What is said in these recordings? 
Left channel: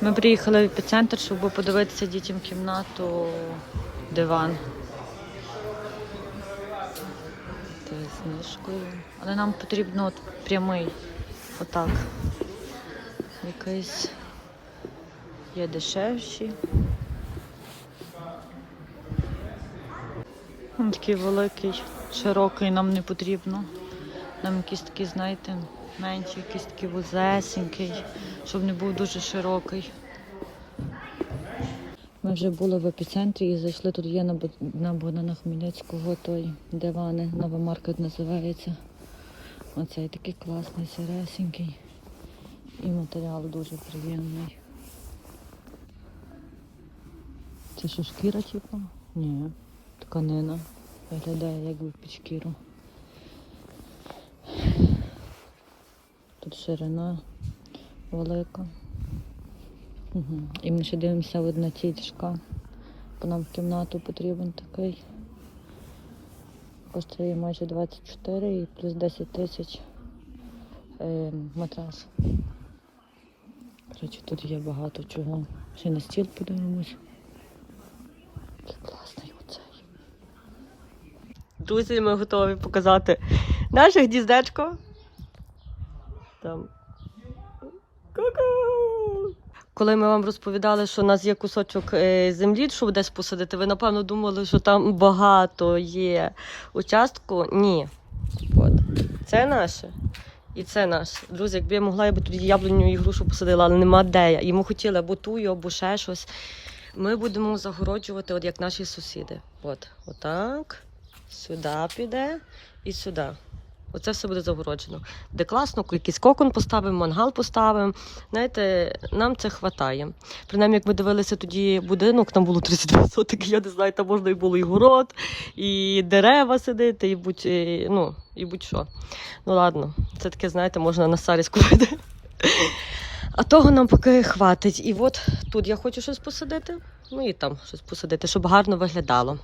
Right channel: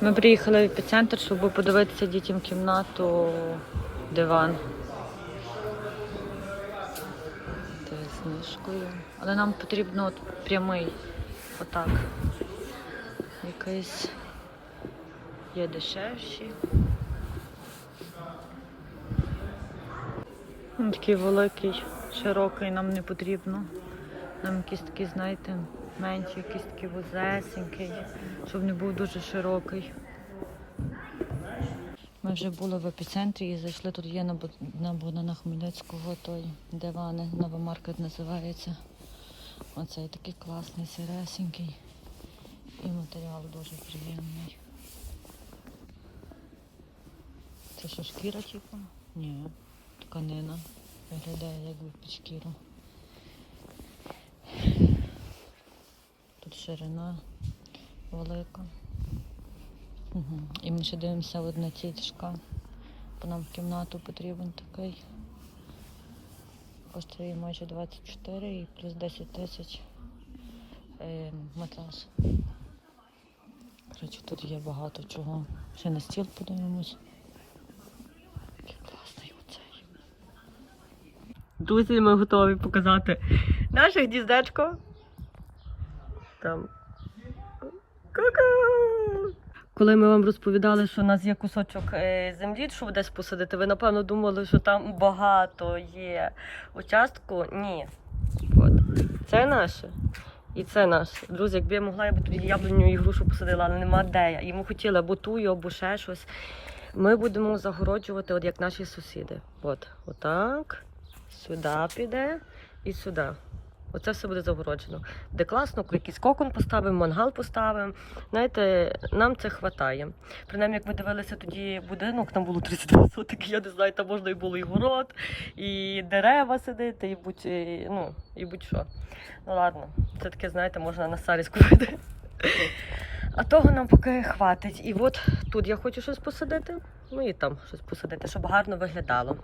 Ми приїхали в епіцентр, щоб подивитися дітям кімнату, диван. З мишкою. Але нам потрібно от прямий. Отак. Якийсь є дешевші. Він такий великий, широкий нам не потрібно. Нам якийсь такий, знаєте, менший, якийсь такий вузесенький, щоб не був дуже широкий. Ми вже були в епіцентрі і зайшли тут є на, на Хмельницького той дивани, нова маркет називається. Оцей такий класний, сиресенький. І матеріал дуже приємний. Це що, шкіра, типу? Ні, тканина. Виглядає як би під. Тут ширина велика. Угу. І ми ще дивимося от на ці. Бо нам в кімнату потрібен такий. Коштує майже 24 і плюс 10 тисяч е, матрас. Тут є багато чого. Ще на стіл подивимось. Який класний оцей. Друзі, ми готові показати наше гніздечко. Там. Ку-ку! Коли ми вам розповідали, що у нас є кусочок е, землі, щоб десь посадити, ви напевно думали, що там багато є участку. Ні. От. Це наше. І це наше. Друзі, якби я могла, я би тоді яблуню і грушу посадила, але нема де. Йому хотіли або тую, або ще щось. Ми будемо загороджувати, от як наші сусіди. От, отак. Сюди піде і сюди. Оце все буде загороджено. Де класно, якийсь кокон поставимо, мангал поставимо. Знаєте, нам це вистачає. Принаймні, як ми дивилися тоді будинок, там було 32 сотики, я не знаю, там можна і було і город, і дерева сидити, і будь, і, ну, і будь-що. Ну ладно, це таке, знаєте, можна на старість купити. А того нам поки хватить. І от тут я хочу щось посадити, ну і там щось посадити, щоб гарно виглядало.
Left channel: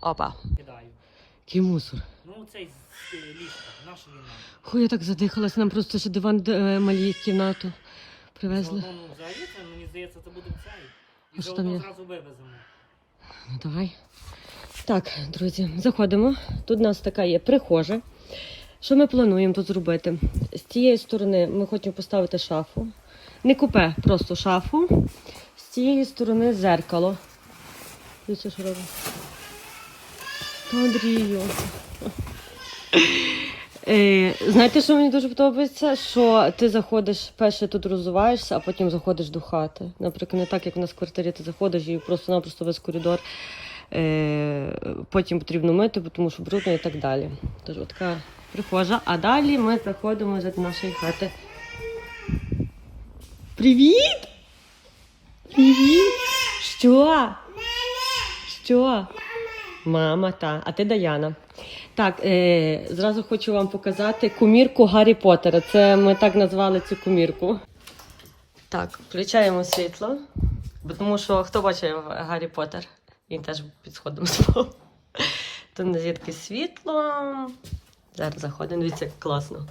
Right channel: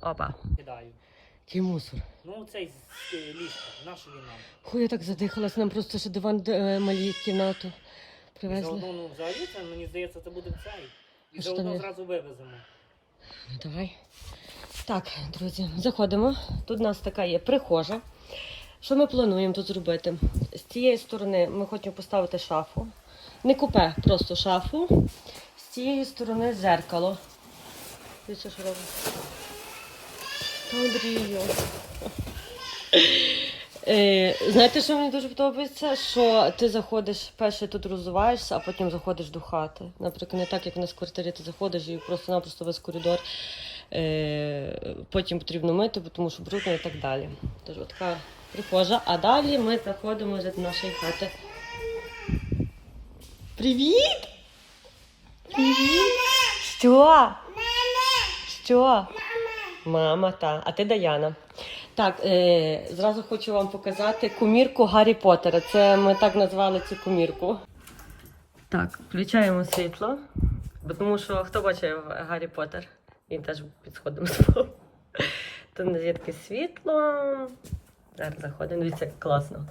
Опа. кидаю. Який мусор. Ну, цей з е, ліжка, наша війна. Хуй, я так задихалась, нам просто ще диван е, малі в кімнату привезли. Заодно, ну, взагалі, це, мені здається, це буде цей. А І що там заодно є? зразу вивеземо. Ну, давай. Так, друзі, заходимо. Тут у нас така є прихожа. Що ми плануємо тут зробити? З цієї сторони ми хочемо поставити шафу. Не купе, просто шафу. З цієї сторони зеркало. Дивіться, що робить. Андрію. Е, знаєте, що мені дуже подобається? Що ти заходиш, перше тут розуваєшся, а потім заходиш до хати. Наприклад, не так, як у нас в квартирі ти заходиш і просто-напросто весь коридор. Е, потім потрібно мити, тому що брудно і так далі. Тож така прихожа. А далі ми заходимо вже до нашої хати. Привіт! Привіт! Що? Що? Мама, та. А ти Даяна. Так, е, зразу хочу вам показати кумірку Гаррі Поттера. Це ми так назвали цю кумірку. Так, включаємо світло. Бо тому що хто бачив Гаррі Поттер? Він теж під сходом спав. Тут нас світло. Зараз заходимо, дивіться, як класно.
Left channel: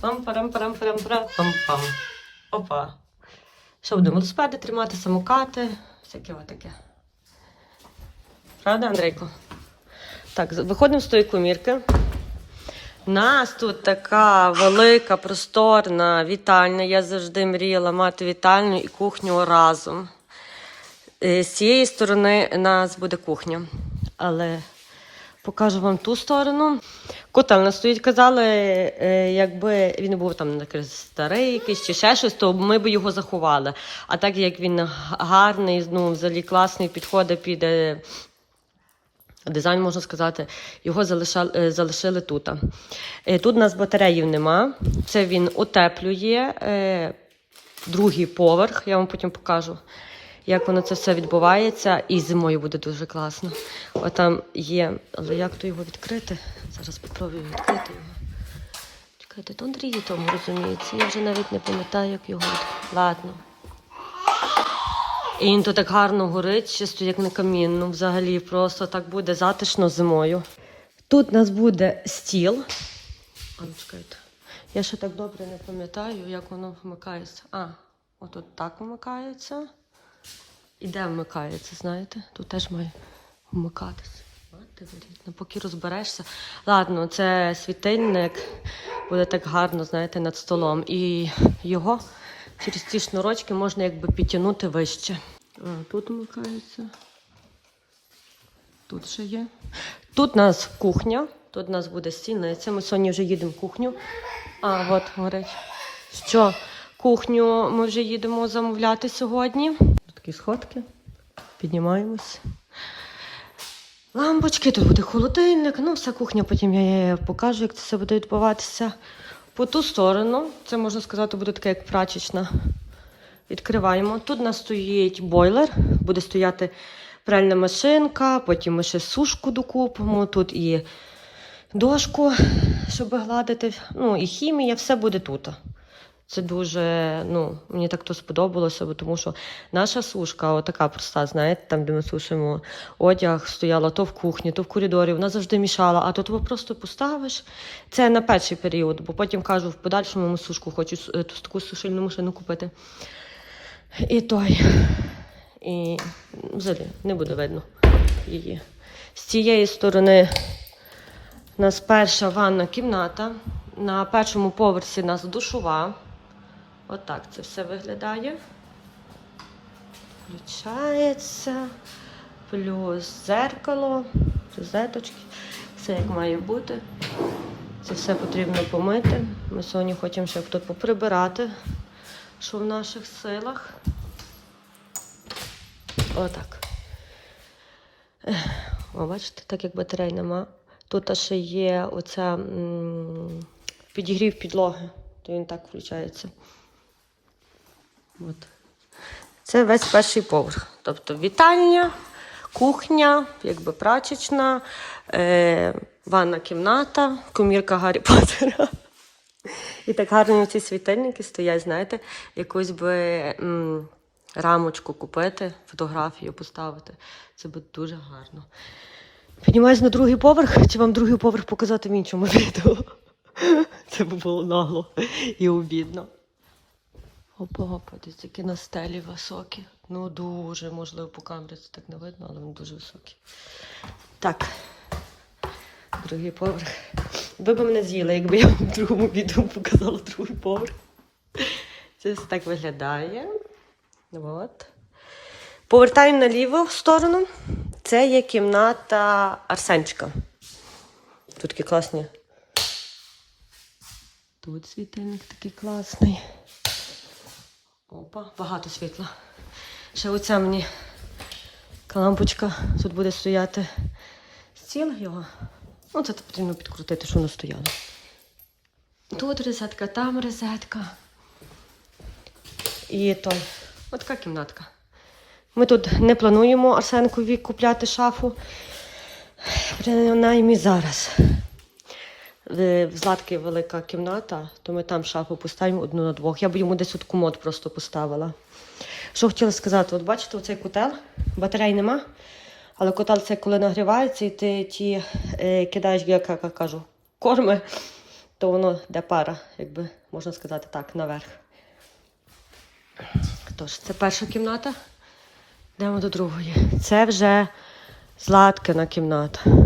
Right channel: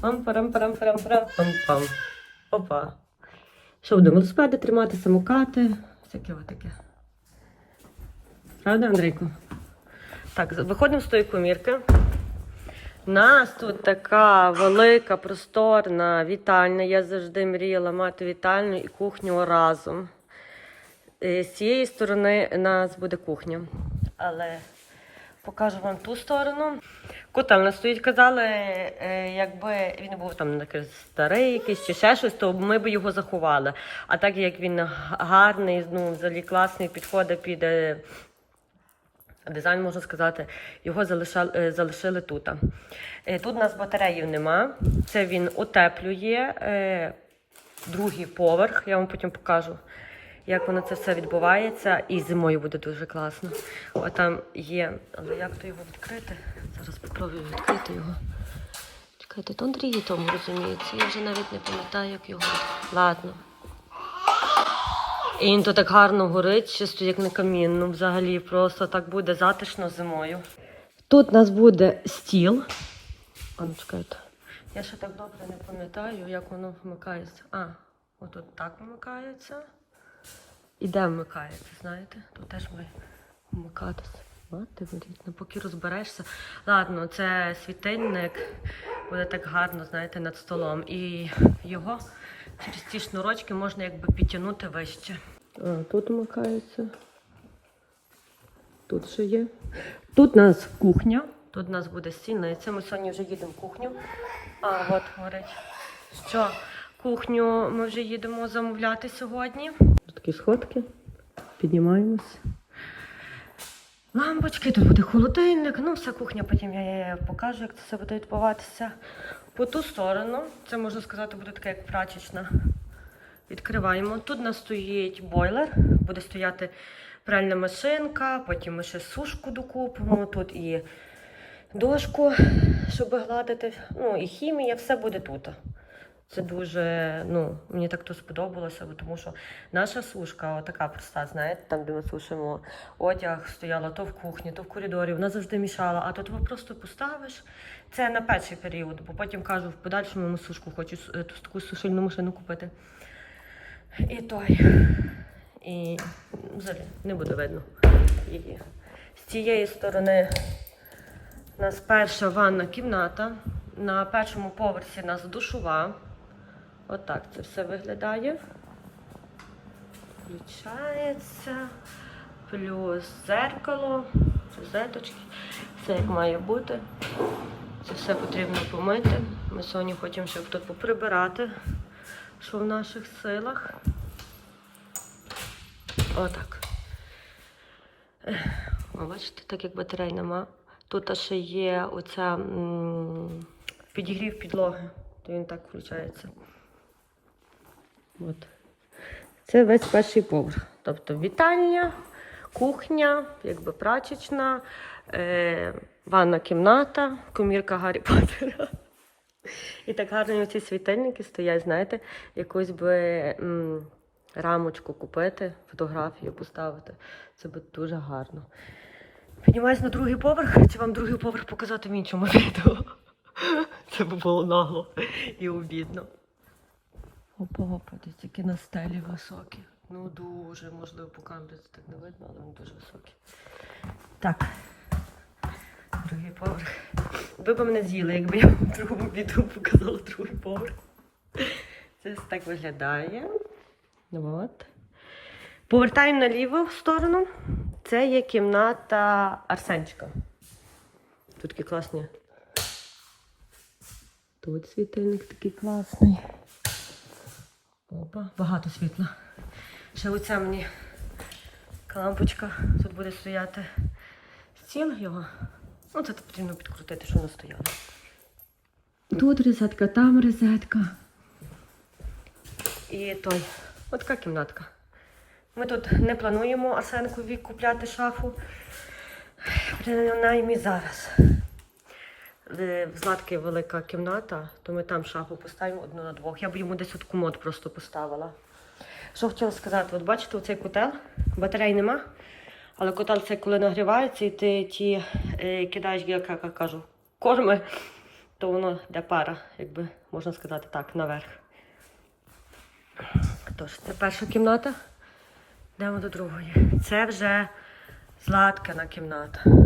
пам парам парам парам пам пам Опа. Що будемо? Велосипеди тримати, самокати, всяке отаке. Правда, Андрійко? Так, виходимо з тої комірки. Нас тут така велика, просторна вітальня. Я завжди мріяла мати вітальню і кухню разом. Е, З цієї сторони у нас буде кухня. Але покажу вам ту сторону. Котел у нас стоїть, казали, е, якби він був там старий якийсь чи ще щось, то ми б його заховали. А так як він гарний, ну, взагалі класний, підходить під дизайн, можна сказати, його залишали, е, залишили тут. Е, Тут у нас батареїв нема. Це він утеплює е, другий поверх. Я вам потім покажу, як воно це все відбувається. І зимою буде дуже класно. Отам є. Але як то його відкрити? Зараз спробую відкрити його. Чекайте, то Андрій тому розуміється. Я вже навіть не пам'ятаю, як його. Ладно. І він тут так гарно горить, чисто як на камінну. Взагалі просто так буде затишно зимою. Тут у нас буде стіл. А ну чекайте. Я ще так добре не пам'ятаю, як воно вмикається. А, отут так вмикається. І де вмикається, знаєте? Тут теж має вмикатися. Мати вирідно, поки розберешся. Ладно, це світильник буде так гарно, знаєте, над столом. І його через ці шнурочки можна якби підтягнути вище. А, тут вмикається. Тут ще є. Тут у нас кухня, тут у нас буде стільниця. Ми сьогодні вже їдемо в кухню. А, от горить. Що? Кухню ми вже їдемо замовляти сьогодні. Такі сходки. Піднімаємось. Лампочки, тут буде холодильник, ну, вся кухня, потім я покажу, як це все буде відбуватися. По ту сторону, це можна сказати, буде таке, як прачечна. Відкриваємо. Тут у нас стоїть бойлер, буде стояти пральна машинка, потім ми ще сушку докупимо. Тут і дошку, щоб гладити. Ну, і хімія, все буде тут. Це дуже, ну, мені так то сподобалося, бо тому що наша сушка, отака проста, знаєте, там, де ми сушимо одяг, стояла то в кухні, то в коридорі, вона завжди мішала, а тут ви просто поставиш. Це на перший період, бо потім кажу, в подальшому ми сушку хочу е, таку сушильну машину купити. І той. І взагалі не буде видно її. З цієї сторони у нас перша ванна кімната. На першому поверсі нас душова. Отак це все виглядає. Включається. Плюс зеркало, розеточки. Все як має бути. Це все потрібно помити. Ми сьогодні хочемо ще тут поприбирати, що в наших силах. Отак. О, бачите, так як батарей нема. Тут ще є оця м, підігрів підлоги, то він так включається. От. Це весь перший поверх. Тобто вітальня, кухня, якби прачечна, е, ванна кімната, комірка Гаррі Поттера. І так гарно ці світильники стоять, знаєте, якусь би м, рамочку купити, фотографію поставити. Це буде дуже гарно. Піднімаюсь на другий поверх, чи вам другий поверх показати в іншому відео? Це б було нагло і обідно. Опа, подивіться, які на стелі високі. Ну дуже, можливо, по камері це так не видно, але вони дуже високі. Так. Другий поверх. Ви б мене з'їли, якби я вам в другому відео показала другий поверх. Це так виглядає. От. Повертаємо на ліву сторону. Це є кімната Арсенчика. Тут такі класні. Тут світильник такий класний. Опа, багато світла. Ще оця мені лампочка. Тут буде стояти стіл його. Ну, це потрібно підкрутити, щоб воно стояло. Тут розетка, там розетка. І той. Ось така кімнатка. Ми тут не плануємо Арсенкові купляти шафу. Принаймні зараз. В в Златки велика кімната, то ми там шафу поставимо одну на двох. Я б йому десь от комод просто поставила. Що хотіла сказати, от бачите, оцей котел, батарей нема, але котел це коли нагрівається, і ти ті е, кидаєш, як я кажу, корми, то воно йде пара, якби можна сказати так, наверх. Тож, це перша кімната. Йдемо до другої. Це вже Златкина кімната.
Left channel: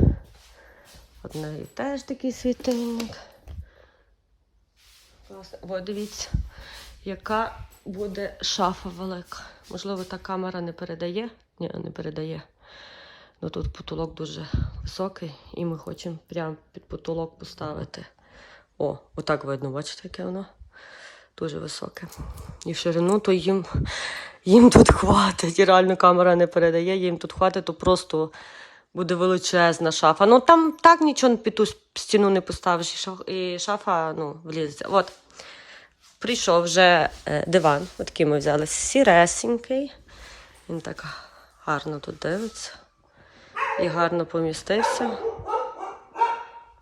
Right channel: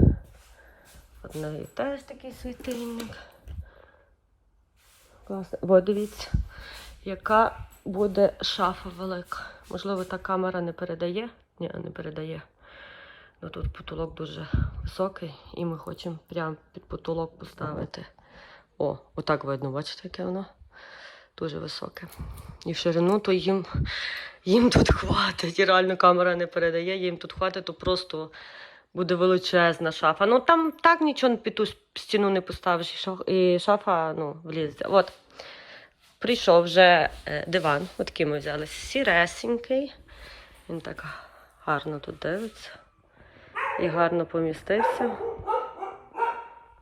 От в неї теж такий світильник. Класно. Бо дивіться, яка буде шафа велика. Можливо, та камера не передає. Ні, не передає. Ну тут потолок дуже високий, і ми хочемо прямо під потолок поставити. О, отак видно, бачите, яке воно? Дуже високе. І в ширину, то їм, їм тут хватить. І реально камера не передає, їм тут хватить, то просто буде величезна шафа. Ну там так нічого під ту стіну не поставиш, і шафа ну, влізеться. От. Прийшов вже е, диван, отакий ми взяли сіресенький. Він так гарно тут дивиться. І гарно помістився.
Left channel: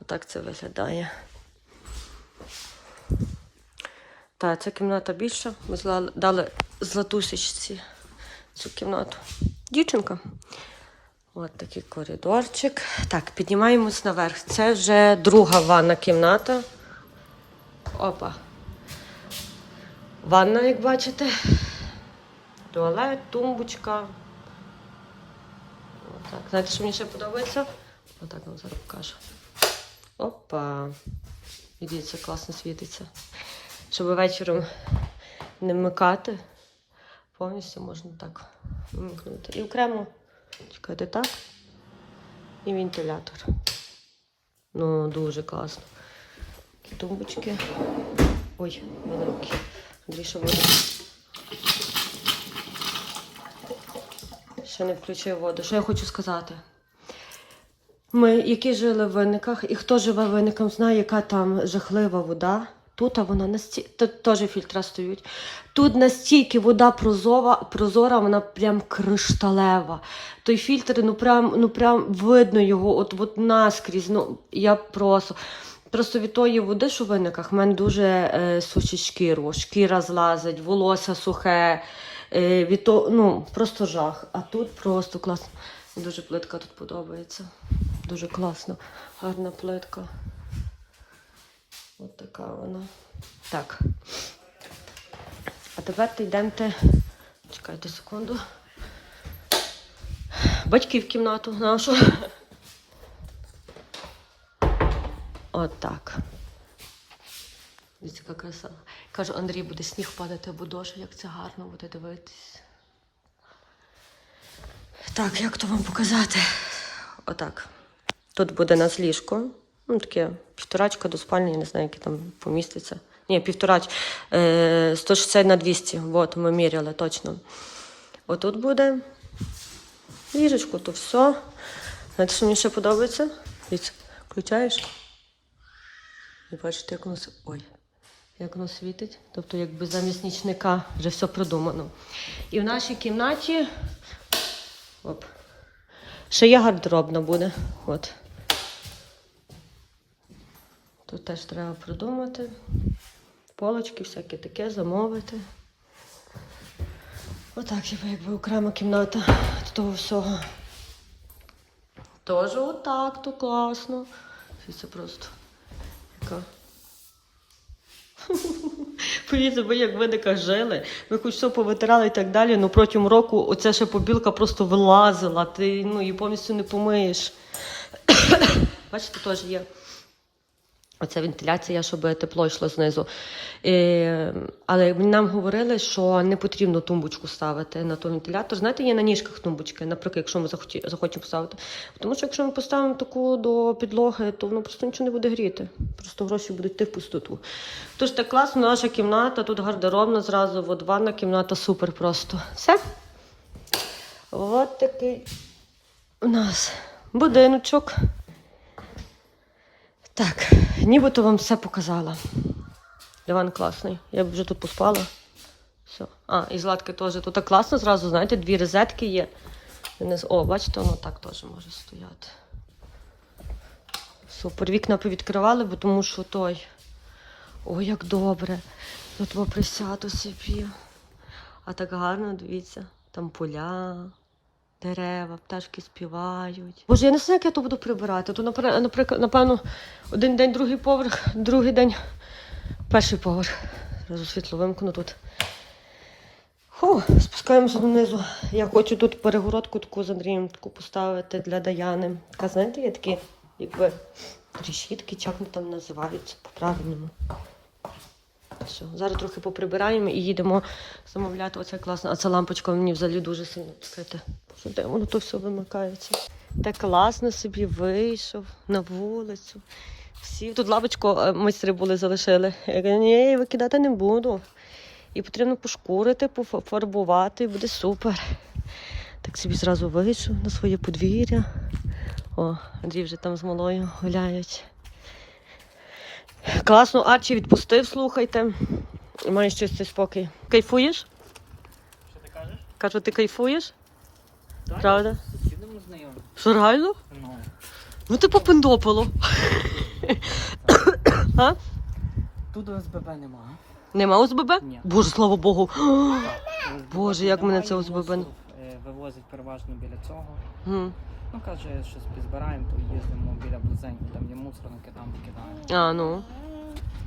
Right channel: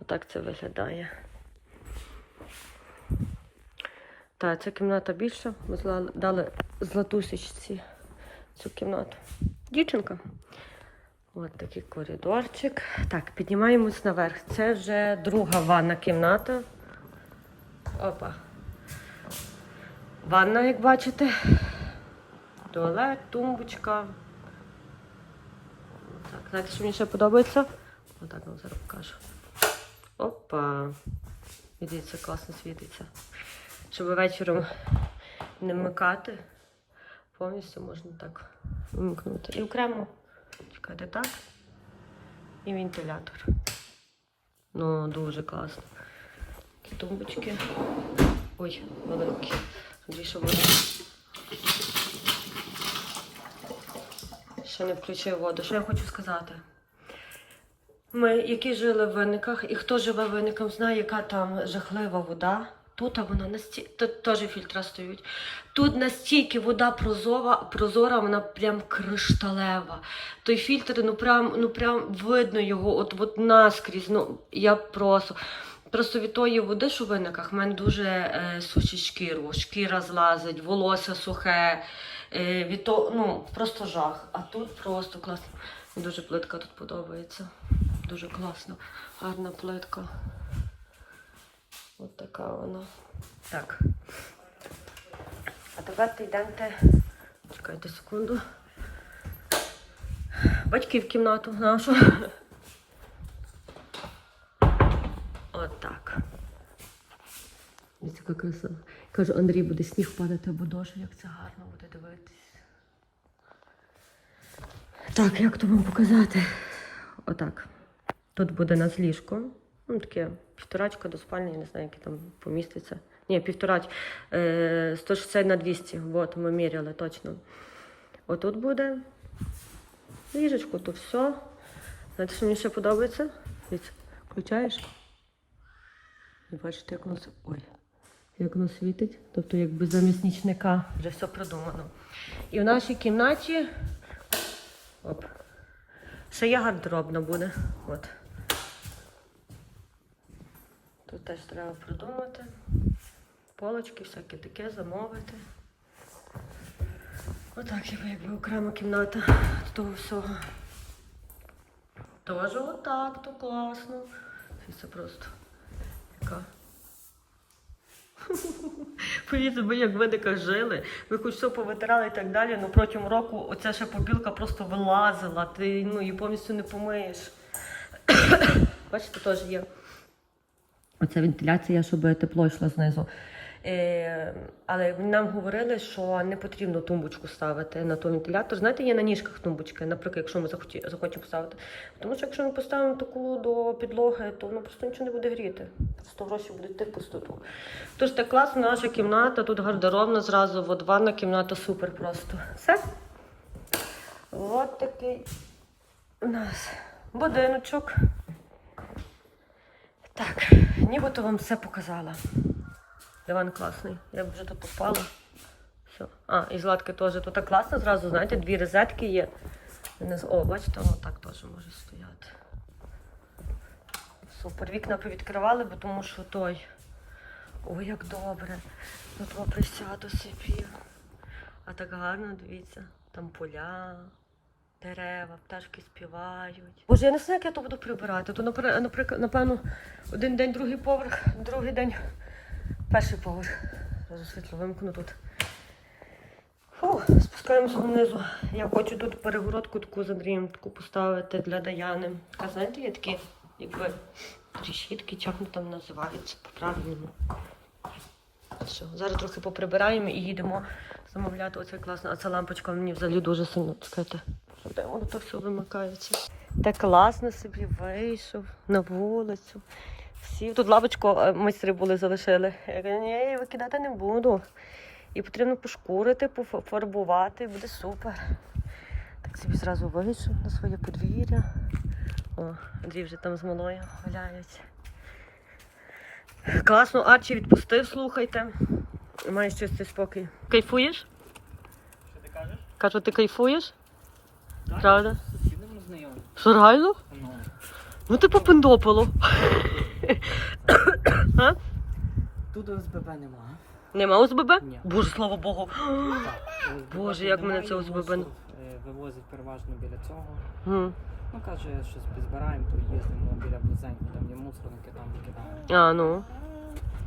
Отак це виглядає. Так, ця кімната більша. Ми дали златусечці цю кімнату. Дівчинка. От такий коридорчик. Так, піднімаємось наверх. Це вже друга ванна кімната. Опа. Ванна, як бачите. Туалет, тумбочка. Отак. Знаєте, що мені ще подобається? Отак вам зараз покажу. Опа. Дивіться, класно світиться. Щоб вечором не вмикати, повністю можна так вимкнути. І окремо, чекайте, так. І вентилятор. Ну, дуже класно. Такі тумбочки. Ой, великі. Дві буде. Ще не включив воду. Що я хочу сказати? Ми, які жили в виниках, і хто живе в виниках, знає, яка там жахлива вода. Тут вона настільки, теж фільтра стоять. Тут настільки вода прозора, прозора, вона прям кришталева. Той фільтр, ну прям, ну прям видно його, от, от наскрізь. Ну, я просто. Просто від тої води, що в виниках, в мене дуже е, сушить шкіру, шкіра злазить, волосся сухе. Е, від того, ну, просто жах. А тут просто класно. Дуже плитка тут подобається. Дуже класно. Гарна плитка. От така вона. Так. А тепер йдемте. Чекайте секунду. Батьки в кімнату нашу. От так. Дивіться, яка краса. Кажу, Андрій, буде сніг падати, бо дощ, як це гарно буде дивитись. Так, як то вам показати? Отак. Тут буде нас ліжко. Ну, таке півторачка до спальні, я не знаю, які там поміститься. Ні, півторач. Е, 160 на 200. От, ми міряли точно. Отут буде ліжечко, то все. Знаєте, що мені ще подобається? Дивіться, включаєш. І бачите, як воно, ой, як воно світить. Тобто, якби замість нічника вже все продумано. І в нашій кімнаті. Оп. Ще є гардеробна буде. От. Тут теж треба придумати. Полочки, всяке таке, замовити. Отак, якби, якби окрема кімната з того всього. Тоже отак, то класно. Це просто яка. Повірте, ви як ви не жили, ви хоч все повитирали і так далі, ну протягом року оця ще побілка просто вилазила, ти ну, її повністю не помиєш. Бачите, теж є. Оця вентиляція, щоб тепло йшло знизу. Е, але нам говорили, що не потрібно тумбочку ставити на той вентилятор. Знаєте, є на ніжках тумбочки, наприклад, якщо ми захоті, захочемо поставити. Тому що якщо ми поставимо таку до підлоги, то воно просто нічого не буде гріти. Просто гроші будуть йти в пустоту. Тож так класно, наша кімната, тут гардеробна зразу, от ванна кімната супер просто. Все. От такий у нас будиночок. Так, нібито вам все показала. Диван класний. Я б вже тут поспала. Все. А, і златки теж. Тут так класно зразу, знаєте, дві розетки є. О, бачите, воно так теж може стояти. Супер. Вікна повідкривали, бо тому що той. Ой, як добре. Я тут присяду собі. А так гарно, дивіться, там поля, дерева, пташки співають. Боже, я не знаю, як я то буду прибирати. То, наприклад, напевно, один день другий поверх, другий день перший поверх. Світло вимкну тут. Фу, спускаємося донизу. Я хочу тут перегородку таку з Андрієм таку поставити для Даяни. А знаєте, є такі, якби решітки, як вони там називаються по-правильному. Все, зараз трохи поприбираємо і їдемо замовляти. Оце класно. А ця лампочка мені взагалі дуже сильно. Чекайте, воно тут все вимикається. Так класно собі вийшов на вулицю. Всі тут лавочку е, майстри були залишили. Я кажу, ні, викидати не буду. І потрібно пошкурити, пофарбувати, буде супер. Так собі зразу вийшов на своє подвір'я. О, Андрій вже там з малою гуляють. Класно, Арчі відпустив, слухайте. Маєш чистий спокій. Кайфуєш? Що ти кажеш? Кажу, ти кайфуєш? Так? Правда? З. Що реально? Ну. Ну ти попендопало. а? Тут ОСББ нема. Нема ОСББ? Ні. Боже, слава Богу. Так, ОСББ Боже, як мене це ОСББ мусив, вивозять переважно біля цього. М. Ну, каже, щось підзбираємо, то їздимо біля близенько, там є мусорники, там викидаємо. А, ну,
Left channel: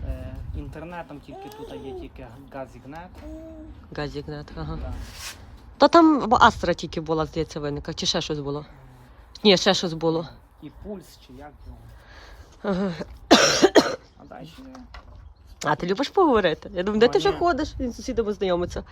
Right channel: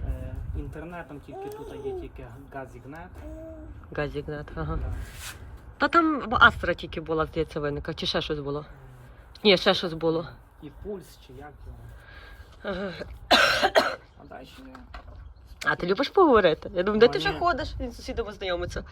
Е, інтернетом тільки тут є тільки газігнет. газігнет, ага. Да. То там Астра тільки була, здається, виника, чи ще щось було? Ні, ще щось було. І пульс, чи як його. Ага. А далі А ти любиш поговорити? Я думаю, де ти вже ходиш? Він з сусідами знайомиться.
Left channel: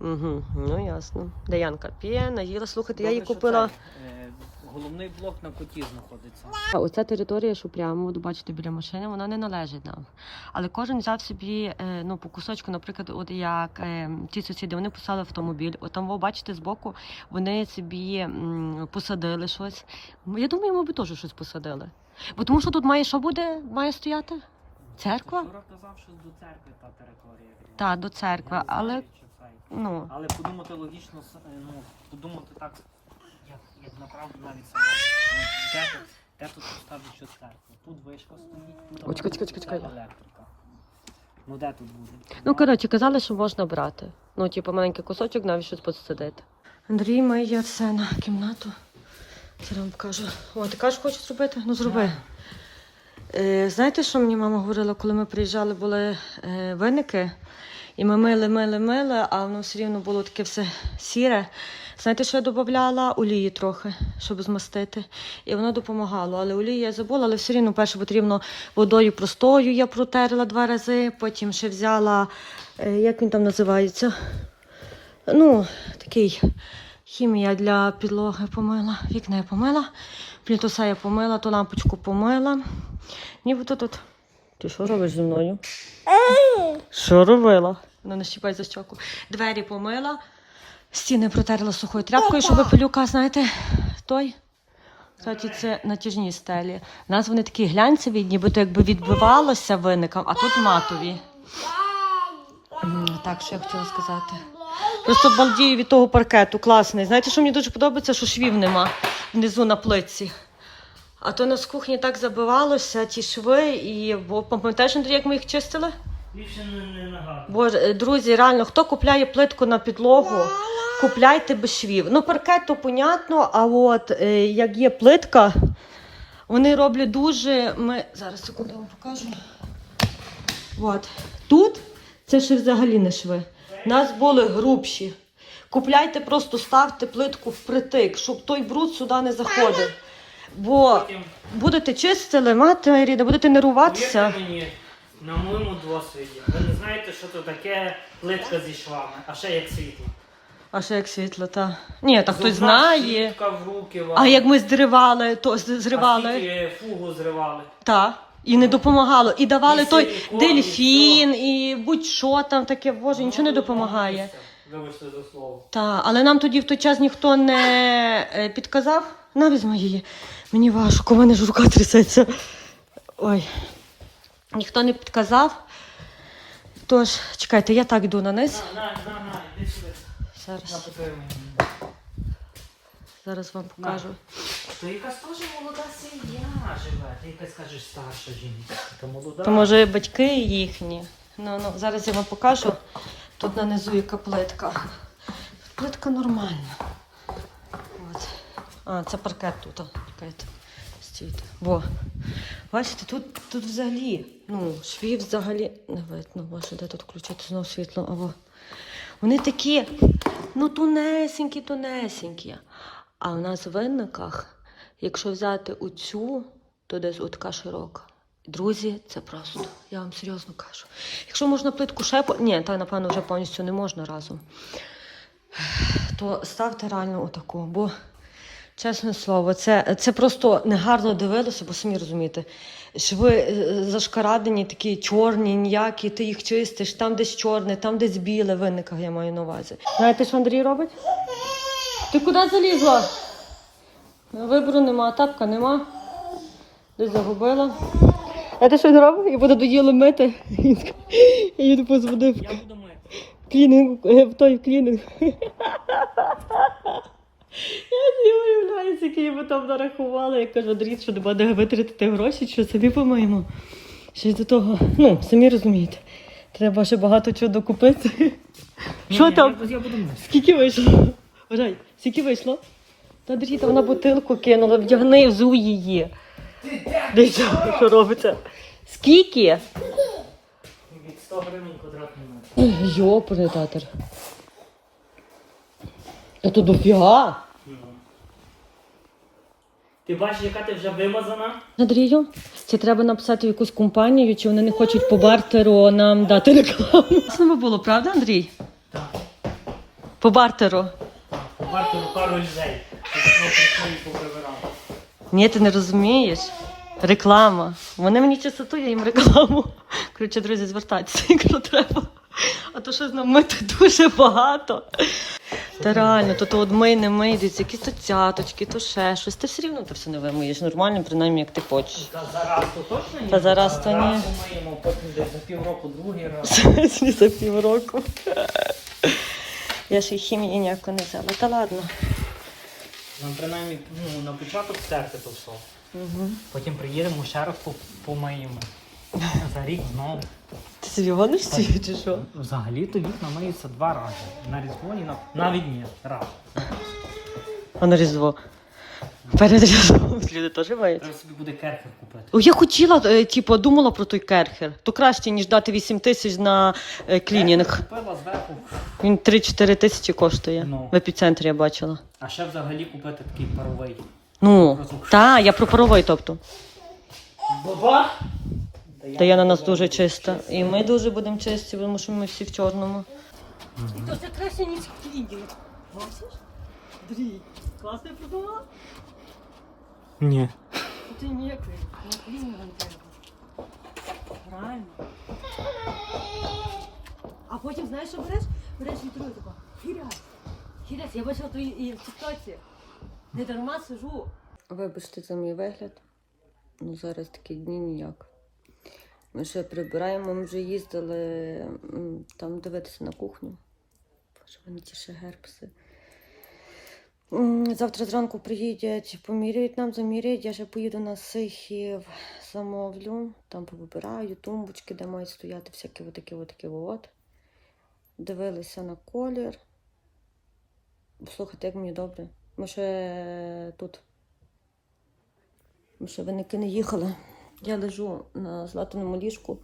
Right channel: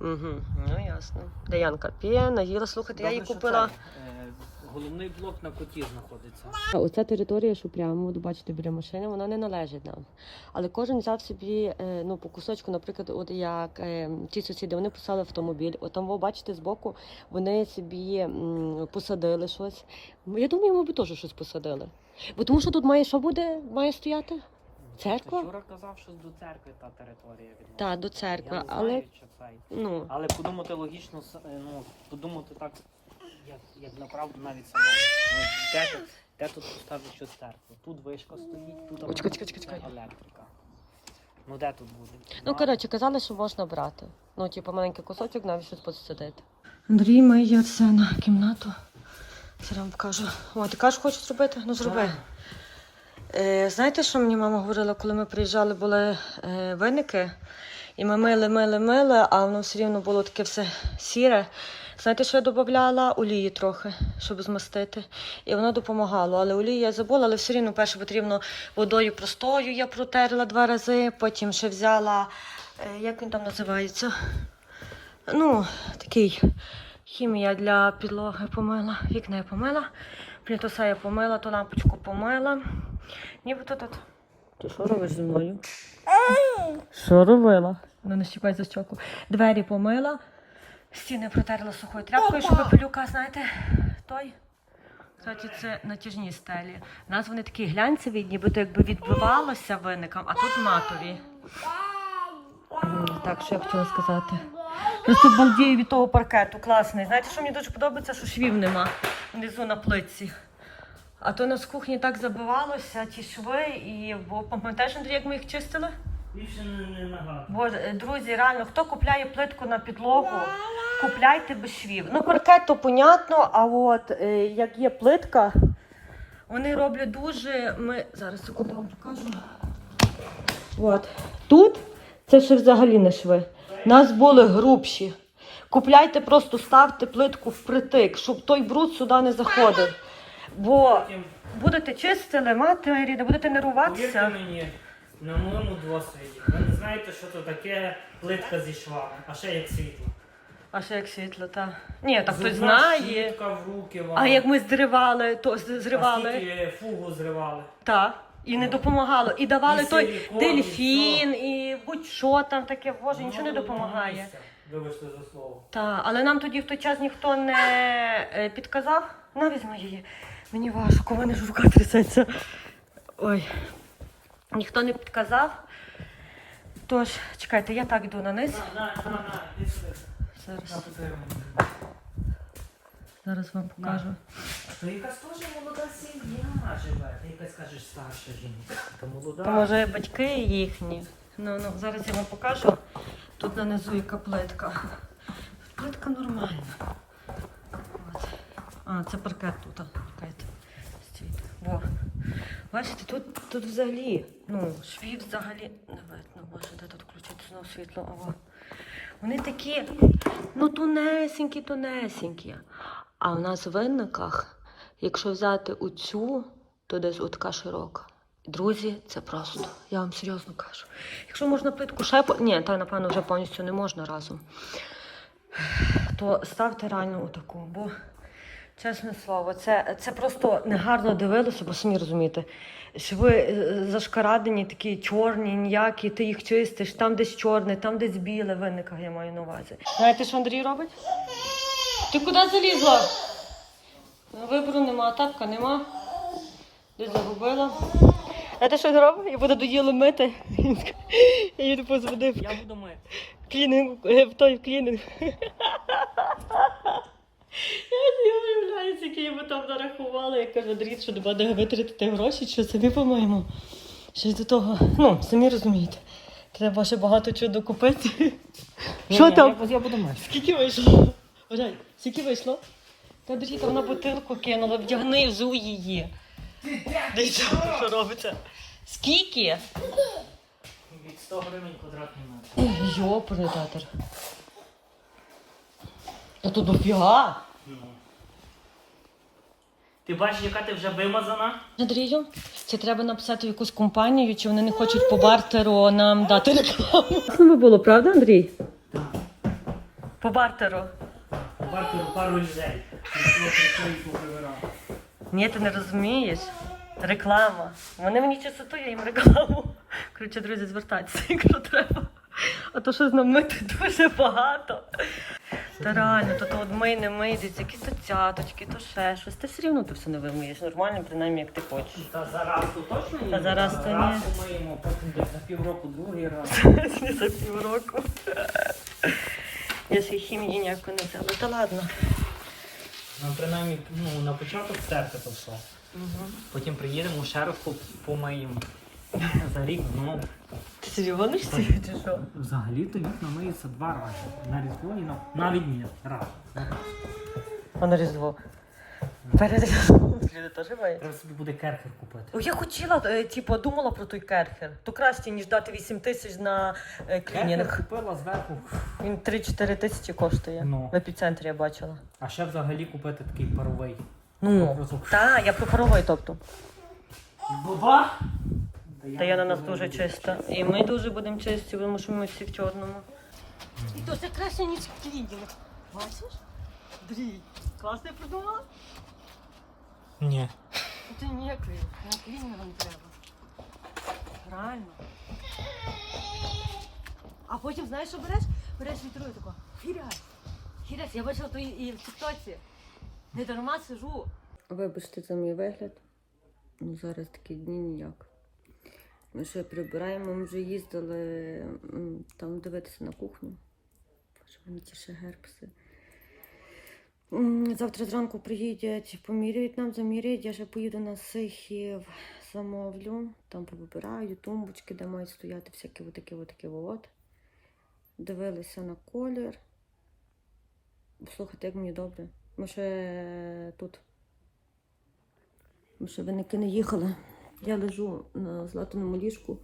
Угу, ну ясно. Де Янка п'є, наїла, слухайте, я що купила. е, головний блок на коті знаходиться. А Оця територія, що прямо, от бачите, біля машини, вона не належить нам. Але кожен взяв собі е, ну, по кусочку, наприклад, от як е, ті сусіди, вони посадили автомобіль. От там, ви бачите, збоку вони собі посадили щось. Я думаю, ми б теж щось посадили. Бо тому що тут має що буде? Має стояти? Церква? Юра казав, що до церкви та територія відносно. Та, до Я церкви, не але знаю, чи цей. ну. Але подумати логічно, с- е, ну, подумати так, як, як направду навіть самому. Ну, де, тут- де тут поставити цю церкву? Тут вишка стоїть, тут чекай, чекай, чекай, чекай. електрика. Ну де тут буде? Ну, коротше, казали, що можна брати. Ну, типу, маленький кусочок, навіть щось посадити. Андрій має Арсена кімнату. Зараз вам покажу. О, ти кажеш, хочеш зробити? Ну зроби. Так. Е, знаєте, що мені мама говорила, коли ми приїжджали, були е, виники, і ми мили, мили, мили, а воно все рівно було таке все сіре. Знаєте, що я додавала? Олії трохи, щоб змастити. І воно допомагало. Але олії я забула, але все рівно перше потрібно водою простою я протерла два рази, потім ще взяла, е, як він там називається? Ну, такий хімія для підлоги помила, вікна я помила, плінтуса я помила, ту лампочку помила. Нібито тут. Ти що робиш зі мною? Що робила? Ну, не щіпай за щоку. Двері помила, стіни протерла сухою тряпкою, щоб пилюка, знаєте, той. Кстати, це натяжні стелі. У нас вони такі глянцеві, нібито якби відбивалося виникам, а тут матові. Так, що я хотіла сказати. Просто балдію від того паркету, класний. Знаєте, що мені дуже подобається, що швів нема внизу на плитці. А то нас в кухні так забивалося, ті шви, і бо пам'ятаєш, Андрій, як ми їх чистили? Більше не, не нагадую. Боже, е, друзі, реально, хто купляє плитку на підлогу, купляйте без швів. Ну, паркет то понятно, а от е, як є плитка, вони роблять дуже. Ми зараз секунду вам покажу. От. Тут це ще взагалі не шви. У нас були грубші. Купляйте, просто ставте плитку впритик, щоб той бруд сюди не заходив. Бо Потім, будете чистили, мати ріда, будете нервуватися. повірте мені, на моєму досвіді, ви не знаєте, що це таке плитка зі швами, а ще як світло. А ще як світло, та. Ні, так хтось Зубна знає. щітка в руки вам. А як ми зривали, то з- А зривали, скільки фугу зривали. та. І не допомагало. І давали І той силікон, дельфін, і будь-що там таке, боже, нічого не Ну, допомагає. Вибачте за слово. Та, але нам тоді в той час ніхто не е, підказав. На, візьми її. Мені важко, у мене ж рука трясеться. Ой. Ніхто не підказав. Тож, чекайте, я так йду на низ. Зараз, зараз вам покажу. То якась теж молода сім'я живе. Ти якась кажеш старша жінка. То молода. То може батьки їхні. Ну, ну, зараз я вам покажу. Тут нанизу яка плитка. Плитка нормальна. А, це паркет тут. Паркет. Стоїть. Во. Бачите, тут, тут взагалі, ну, швів взагалі не видно. Боже, де тут включити знову світло? А во. Вони такі, ну, тунесенькі, тунесенькі. А в нас в винниках, якщо взяти оцю, то десь отака широка. Друзі, це просто, я вам серйозно кажу. Якщо можна плитку ще. Ні, та напевно вже повністю не можна разом. То ставте реально отаку, бо чесне слово, це, це просто негарно дивилося, бо самі розумієте. Шви е, зашкарадені, такі чорні, ніякі, ти їх чистиш, там десь чорне, там десь біле, в винниках я маю на увазі. Знаєте, що Андрій робить? Ти куди залізла? Вибору нема, тапка нема. Десь загубила. А ти що не робив? Я буду доїло мити. Я їду позвонив Я буду мити. клінінг, е, в той клінінг. Я не скільки йому там нарахували. Я кажу, Андрій, що нема де витратити гроші, що собі помиємо. Ще й до того, ну, самі розумієте, треба ще багато чого докупити. Ні, Що ні, там? Я, я буду мити. Скільки вийшло? Вважай, скільки вийшло? Та держіть, вона бутилку кинула, вдягни, взуй її. Дивіться, що робиться. Скільки? Від 100 гривень квадратний метр. Йопаний татер. Та то дофіга. Ти бачиш, яка ти вже вимазана? Андрію, чи треба написати в якусь компанію, чи вони не хочуть по бартеру нам дати рекламу? Це було, правда, Андрій? Так. По бартеру. Варто пару людей. Прийшли і поприбирали. Ні, ти не розумієш. Реклама. Вони мені часоту, я їм рекламу. Коротше, друзі, звертайтеся, якщо треба. А то що з нами тут дуже багато. Та реально, то, то от мий, не мий, десь якісь то цяточки, то ще щось. Ти все рівно то все не вимиєш. Нормально, принаймні, як ти хочеш. Та зараз то точно ні? Та зараз то ні. Раз помиємо, потім десь за півроку другий раз. За півроку. Я ж і хімії ніяко не взяла. Та ладно. Ну, принаймні, ну, на початок стерти то все. Потім приїдемо ще раз по- помиємо. За рік знову. Ти серйозно чи що? Взагалі-то вікна миються два рази. На різдво і на... Навіть ні, раз. А на різдво. Перед різдвом люди теж мають. Треба собі буде керхер купити. О, я хотіла, е, типу, думала про той керхер. То краще, ніж дати 8 тисяч на е, клінінг. Керхер купила зверху, Він 3-4 тисячі коштує. Ну. В епіцентрі я бачила. а ще взагалі купити такий паровий. Ну, Разок. та, я про паровий, тобто. Баба! Та я на нас дуже чиста. І ми дуже будемо чисті, тому що ми всі в чорному. І то це краще, ніж клінінг. Бачиш? Блін, класно придумала? Ні. Ти ніякий, на клінінг не треба. Реально. А потім знаєш, що береш? Береш інтерв'ю тако. Хірясь. Хірясь, я бачила то і, і в тіктоці. Не дарма сижу. Вибачте за мій вигляд. Ну зараз такі дні ніяк. Ми ще прибираємо, ми вже їздили там дивитися на кухню. Боже, вони ті ще герпси. Завтра зранку приїдять, поміряють нам, заміряють. Я ще поїду на сихів, замовлю, там повибираю тумбочки, де мають стояти всякі отакі отакі от. Дивилися на колір. Слухайте, як мені добре. Ми ще тут. Ми ще виники не їхали. Я лежу на златаному ліжку.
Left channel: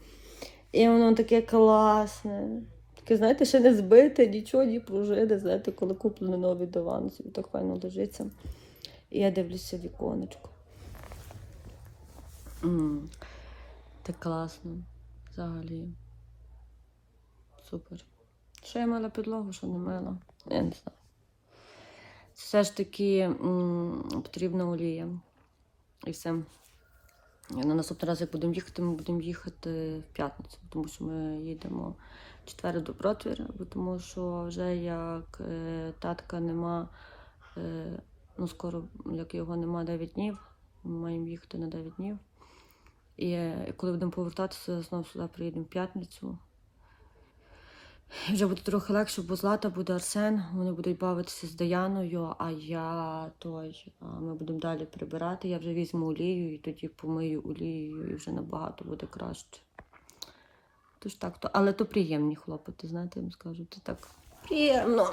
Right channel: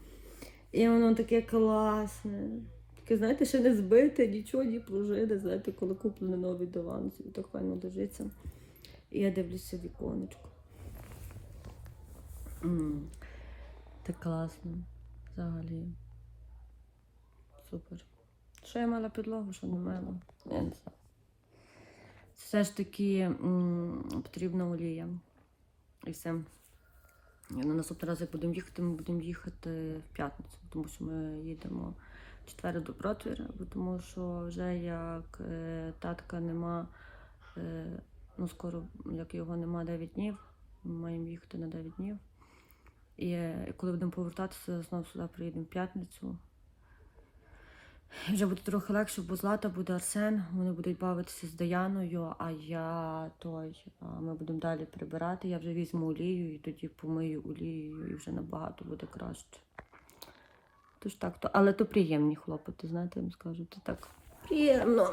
І воно таке класне. Таке, знаєте, ще не збите, нічого, ні пружини. Знаєте, коли куплений новий диван, собі так файно лежиться. І я дивлюся віконечко. М, Так класно. Взагалі. Супер. Що я мила підлогу, що не мила? Я не знаю. Все ж таки м, потрібна олія. І все. На наступний раз, як будемо їхати, ми будемо їхати в п'ятницю, тому що ми їдемо в четвер до Протвіра, тому що вже як е, татка нема, е, ну скоро, як його нема 9 днів, ми маємо їхати на 9 днів. І е, коли будемо повертатися, знову сюди приїдемо в п'ятницю. Вже буде трохи легше, бо Злата буде Арсен, вони будуть бавитися з Даяною, а я той, ми будемо далі прибирати. Я вже візьму олію і тоді помию олією, і вже набагато буде краще. Тож так, то, але то приємні хлопоти, знаєте, я вам скажу, це так приємно.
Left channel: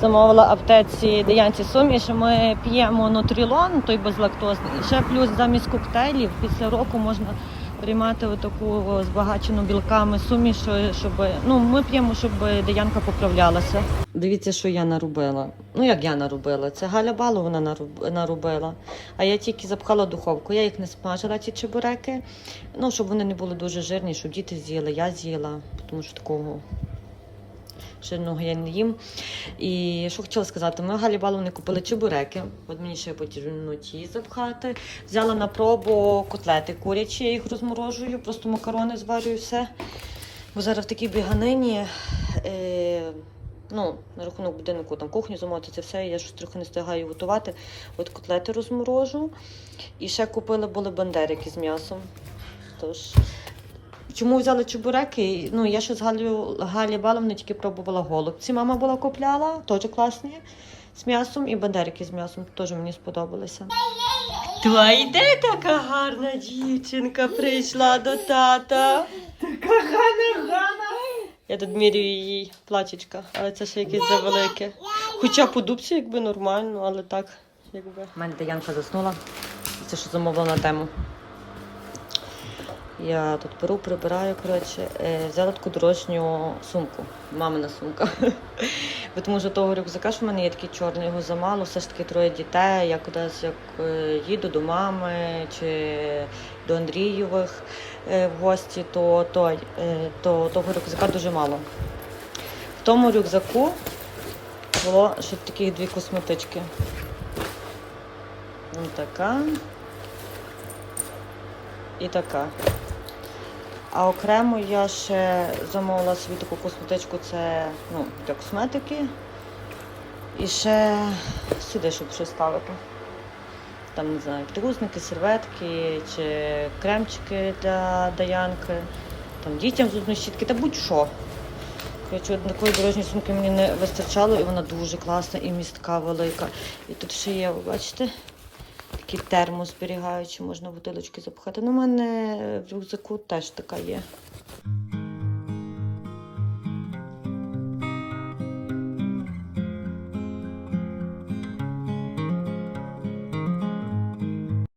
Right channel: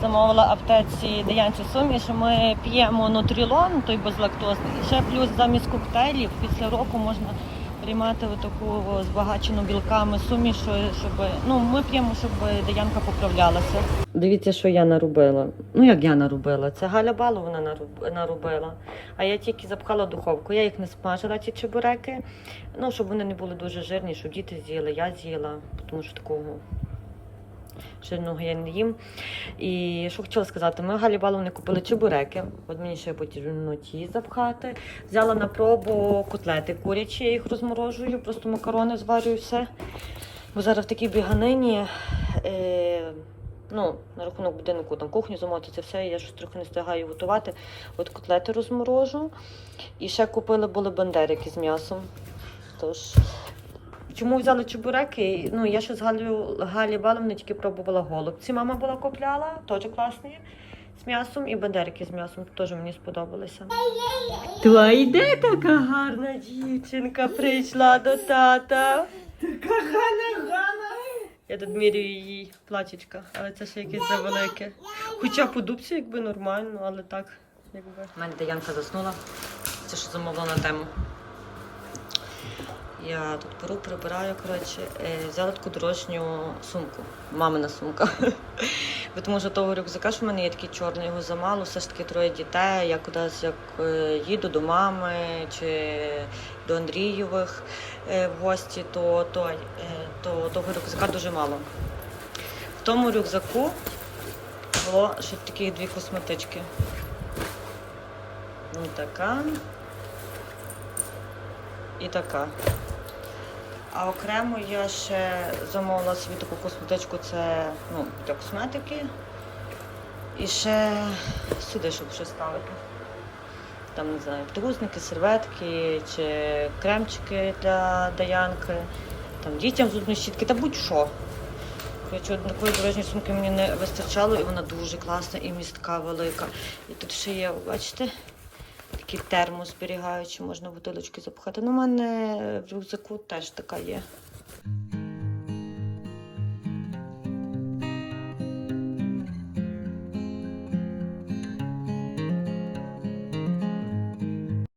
Замовила аптеці Даянці суміш, ми п'ємо нутрілон, той безлактозний. І ще плюс замість коктейлів після року можна приймати отаку збагачену білками суміш, щоб ну ми п'ємо, щоб Даянка поправлялася. Дивіться, що я наробила. Ну як я наробила? Це Галя Балу вона наробила. А я тільки запхала духовку. Я їх не смажила, ці чебуреки. Ну, щоб вони не були дуже жирні, щоб діти з'їли, я з'їла, тому що такого жирного я не їм. І що хотіла сказати, ми Галі Баловни купили чебуреки. От мені ще потрібно ті запхати. Взяла на пробу котлети курячі, я їх розморожую, просто макарони зварюю все. Бо зараз в такій біганині. Е, ну, на рахунок будинку там кухню замовити, це все, я щось трохи не встигаю готувати. От котлети розморожу. І ще купили були бандерики з м'ясом. Тож, чому взяли чебуреки? Ну, я ще з Галю, Галі Баловни тільки пробувала голубці. Мама була купляла, теж класні. З м'ясом і бандерики з м'ясом теж мені сподобалися. То йде така гарна дівчинка прийшла до тата. Галя, Галя! Я тут міряю її платічка, але це ще якесь завелике. Хоча по дубці якби нормально, але так, якби. У мене Янка заснула. Це що замовила на тему. Я тут беру, прибираю, коротше, Е, взяла таку дорослю сумку. Мамина сумка. Тому що того рюкзака, що в мене є такий чорний, його замало, все ж таки троє дітей. Я кудись як е, їду до мами чи до Андрієвих е, в гості, то, той, то того рюкзака дуже мало. В тому рюкзаку було ще такі дві косметички. Ось така. І така. А окремо я ще замовила собі таку косметичку, це ну, для косметики. І ще сюди, щоб все ставити. Там, не знаю, підгузники, серветки чи кремчики для Даянки, там дітям зубні щітки та будь-що. Коротше, такої дорожньої сумки мені не вистачало, і вона дуже класна і містка велика. І тут ще є, бачите, такий термос зберігаючи, можна бутилочки запхати. Ну, У мене в рюкзаку теж така є.